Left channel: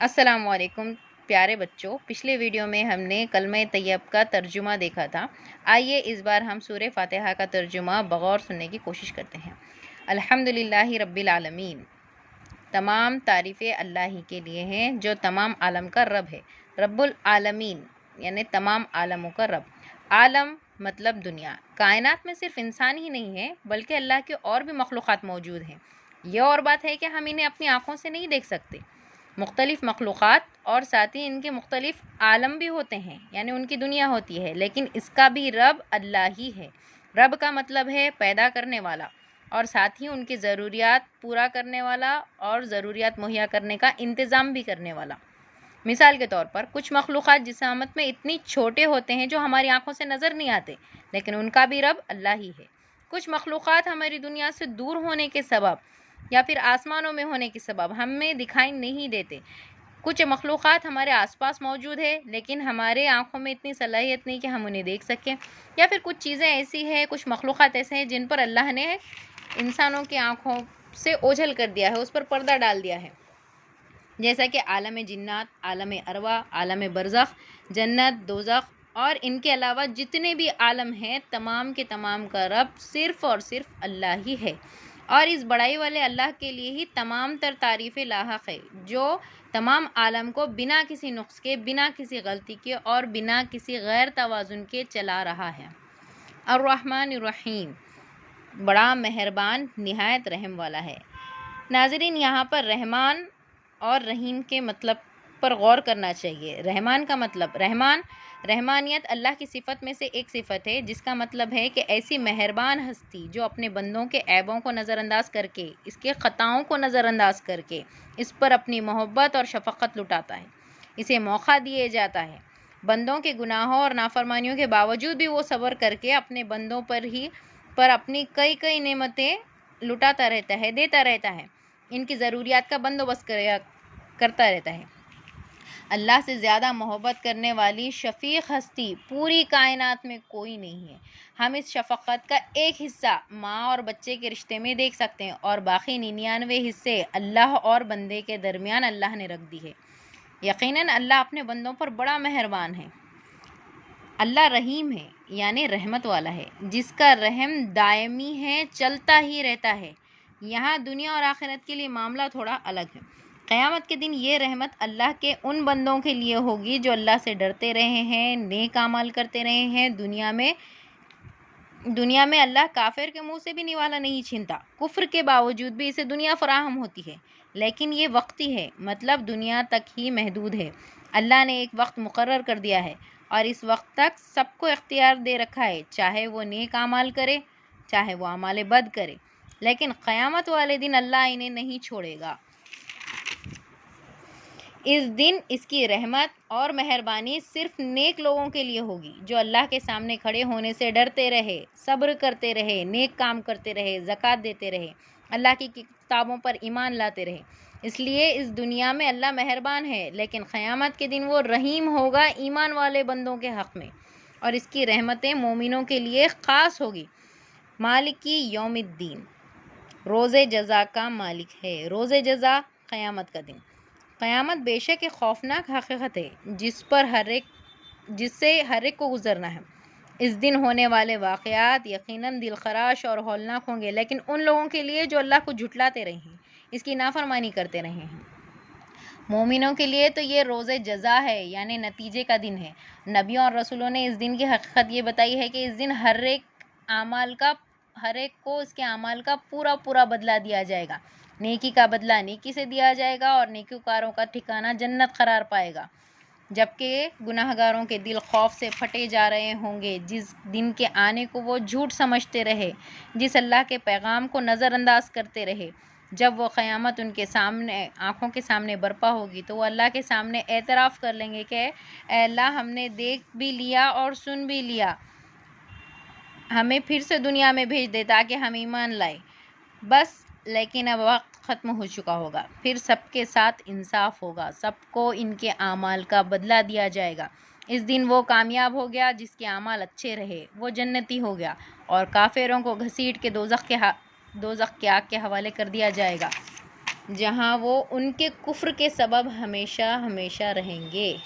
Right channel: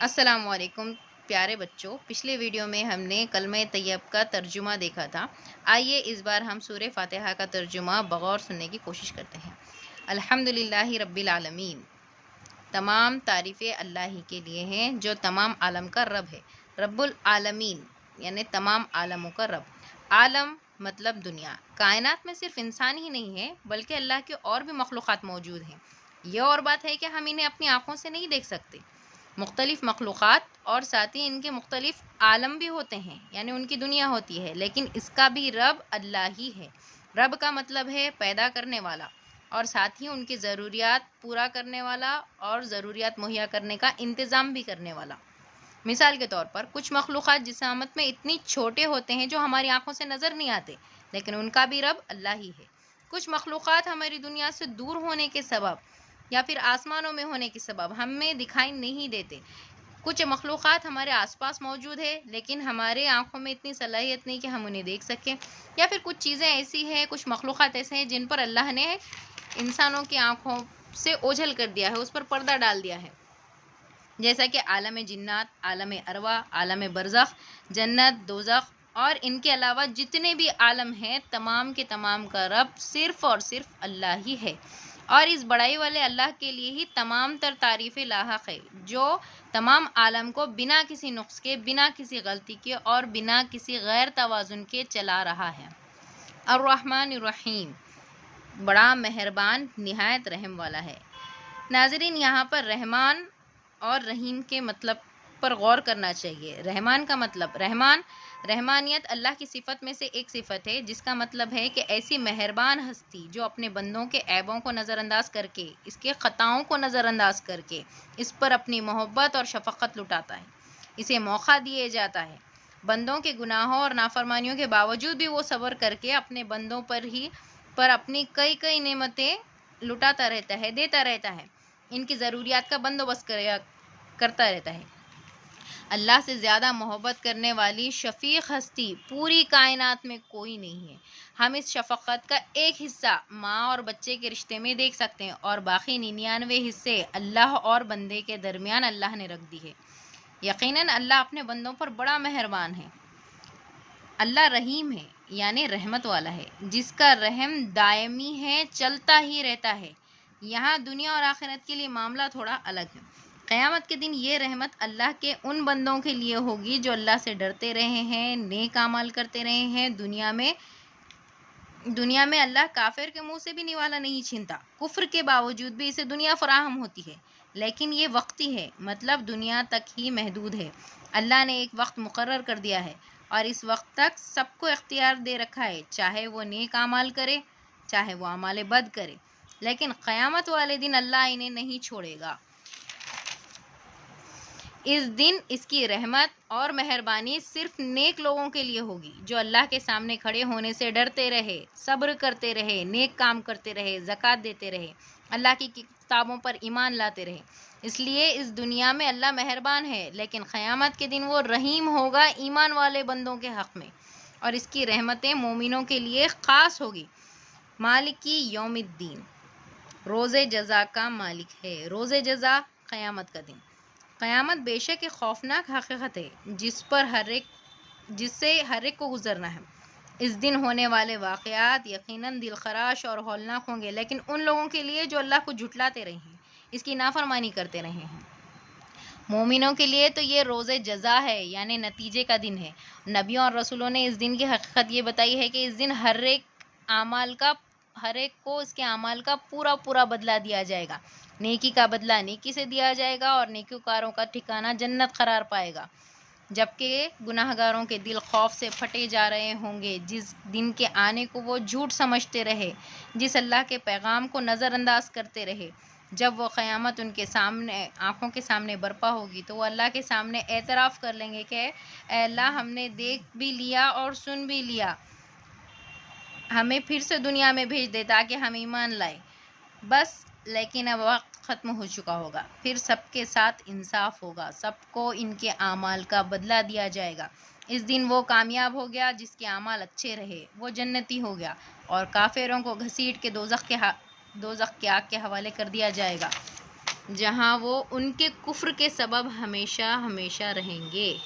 السلام علیکم پیارے بچوں، پچھلے ویڈیو میں ہم نے کلمہ طیب کا ترجمہ دیکھا تھا۔ آئیے اس بار ہم سورہ فاتحہ کا ترجمہ بغور سننے کی کوشش کرتے ہیں۔ الحمدللہ رب العالمین، تمام تعریفیں اللہ ہی کے لیے ہیں جو تمام عالم کا رب ہے۔ رب العالمین یعنی تمام عالموں کا رب۔ عالم مطلب دنیا۔ کائنات میں صرف انسان ہی نہیں ہے بلکہ اللہ کے اور بھی مخلوقات موجود ہیں۔ یہ اور بات ہے کہ ہم انہیں اپنی آنکھوں سے نہیں دیکھ سکتے۔ مختلف مخلوقات اور ساتھ ہی ان کے مختلف عالم بھی ہوتے ہیں، یعنی ان کی دنیا ہوتی ہے، لیکن اس کا بھی رب اللہ ہی ہے۔ رب کا مطلب ہے پیدا کرنے والا، اور ساتھ ہی ان کی ضروریات پورا کرنے والا اور ضروریات مہیا کرنے کا انتظام بھی کرنے والا۔ مثال کے طور پر کچھ مخلوقات جسامت میں اتنی چھوٹے ہوتے ہیں جو ہماری آنکھوں سے نظر نہیں آتے، لیکن ان کا بھی رب اللہ ہی ہے۔ کچھ مخلوقات ہماری دنیا سے دور ہونے کے سبب یا پھر آسمانوں میں ہونے کے سبب ہمیں دکھائی نہیں دیتے۔ کچھ مخلوقات ہمارے آس پاس موجود ہے لیکن ہمارے آنکھوں میں اتنی صلاحیت نہیں کہ ہم انہیں دیکھ سکیں، یا پھر کچھ چیزیں ایسی ہیں، کچھ مخلوقات ایسے ہیں جن پر اللہ نے انسانوں کی آنکھوں سے اوجھل کر دیا ہے، اس پر پردہ ڈال دیا ہے، جیسا کہ عالم جنات، عالم ارواح، عالم برزخ، جنت، دوزخ اور ان کے علاوہ جتنے بھی عالم ہیں، تمام کے تمام کا رب صرف اور صرف اللہ ہی ہے، اور اس بڑائی والے اللہ کے لیے ہی تمام تر تعریفیں لاحق ہے، جو تمام عالم کو بنا کسی نقص کے، بنا کسی غلطی کے اور بنا کسی غیر توازن کے چلا رہا ہے۔ الرحمن الرحیم، بڑا مہربان، نہایت رحم والا ہے۔ ناظرین، یہاں پر رحمان اور رحیم کے مطلب پر غور کرنا چاہیے۔ رحمان کا مطلب، رحمانیت اللہ کی صفت میں سے ایک صفت ہے، جس کا مطلب ہے کہ ایسی مہربان ہستی جو اپنے بندوں کے عیبوں کو نظر انداز کر کے، اس کے خطاؤں کو نظر انداز کر کے اس پر اپنی محبت اور شفقت لٹاتا ہے، اسے موقع دیے جاتا ہے۔ بندوں کے گناہوں اور نافرمانیوں کے باوجود بھی وہ صبر کر کے اپنے بندوں پر اپنی کئی نعمتیں لٹاتا رہتا ہے، دیتا رہتا ہے، ان کی ضروریات کا بندوبست کرتا رہتا ہے۔ اللہ سے زیادہ محبت کرنے والی شفیق ہستی پوری کائنات میں کوئی نہیں ہے۔ ہم اس شفقت کا ایک حصہ ماں اور بچے کے رشتے میں دیکھ سکتے ہیں، اور باقی 99 حصے اللہ اور بندے کے درمیان اللہ نے رکھ دی ہے۔ یقیناً اللہ اپنے بندوں پر بڑا مہربان ہے۔ اللہ رحیم ہے، یعنی رحمت والا ہے، جس کا رحم دائمی ہے، چلتا ہی رہتا ہے۔ یہاں دنیا اور آخرت کے لیے معاملہ تھوڑا الگ ہے۔ قیامت کے دن یہ رحمت اللہ کے ان بندوں کے لیے ہوگی جو اللہ سے ڈرتے رہے ہیں، نیک اعمال کرتے رہے ہیں۔ دنیا میں اللہ کافر کے منہ سے بھی نوالا نہیں چھینتا، کفر کے باوجود بھی اسے دنیا فراہم ہوتی ہے، لیکن یہ وقتی ہے، مطلب دنیا تک ہی محدود ہے۔ اللہ نے ایک وقت مقرر کر دیا ہے اور اس وقت تک سب کو اختیار دے رکھا ہے، چاہے وہ نیک اعمال کرے، چاہے وہ اعمال بد کرے، لیکن قیامت والے دن اللہ انہیں نہیں چھوڑے گا۔ اس دن اس کی رحمت اور مہربانی صرف نیک لوگوں کے لیے ہوگی، جو اللہ کے سامنے کھڑے ہونے سے ڈرتے رہے، صبر کرتے رہے، نیک کام کرتے رہے، زکوٰۃ دیتے رہے، اللہ کی کتابوں پر ایمان لاتے رہے۔ اس لیے اس دنیا میں اللہ مہربان ہے، لیکن قیامت کے دن وہ رحیم ہوگا ایمان والے بندوں کے حق میں، اور اس کی رحمتیں مومنوں کے لیے خاص ہوگی۔ مالکی یوم الدین، روز جزا کا مالک ہے۔ روز جزا، قیامت کا دن۔ قیامت بے شک ایک خوفناک حقیقت ہے جس سے ہر ایک کو گزرنا ہے۔ اس دن ہونے والے واقعات یقیناً دل خراش اور ہولناک ہوں گے، لیکن ان لوگوں کے لیے جو اللہ کو جھٹلاتے رہے ہیں، اس کی نافرمانی کرتے رہے ہیں۔ مومنوں کے لیے تو یہ روز جزا ہے، یعنی نتیجے کا دن ہے۔ نبیوں اور رسولوں نے اس دن کی حقیقت یہ بتائی ہے کہ اس دن ہر ایک کو اس کے اعمال کا پورا بدلہ دیا جائے گا۔ نیکی کا بدلہ نیکی سے دیا جائے گا اور نیکوکاروں کا ٹھکانہ جنت قرار پائے گا، جبکہ گناہ گاروں کے دل خوف سے پھٹے جا رہے ہوں گے، جس دن کے آنے کو وہ جھوٹ سمجھتے رہے، جس اللہ کے پیغام کو نظر انداز کرتے رہے۔ جب وہ قیامت ان کے سامنے، آنکھوں کے سامنے برپا ہوگی تو وہ اللہ کے سامنے اعتراف کر لیں گے کہ اے اللہ، ہم نے دیکھ بھی لیا اور سن بھی لیا، ہمیں پھر سے دنیا میں بھیج دے تاکہ ہم ایمان لائیں، بس لیکن اب وقت ختم ہو چکا ہوگا، پھر سب کے ساتھ انصاف ہوگا، سب کو ان کے اعمال کا بدلہ دیا جائے گا۔ اس دن وہ کامیاب ہو گیا جس کے اعمال اچھے رہے، وہ جنتی ہو گیا، اور کافروں کو گھسیٹ کے دوزخ کی آگ کے حوالے کر دیا جائے گا۔ جہاں وہ ان کے کفر کے سبب ہمیشہ ہمیشہ رہیں گے۔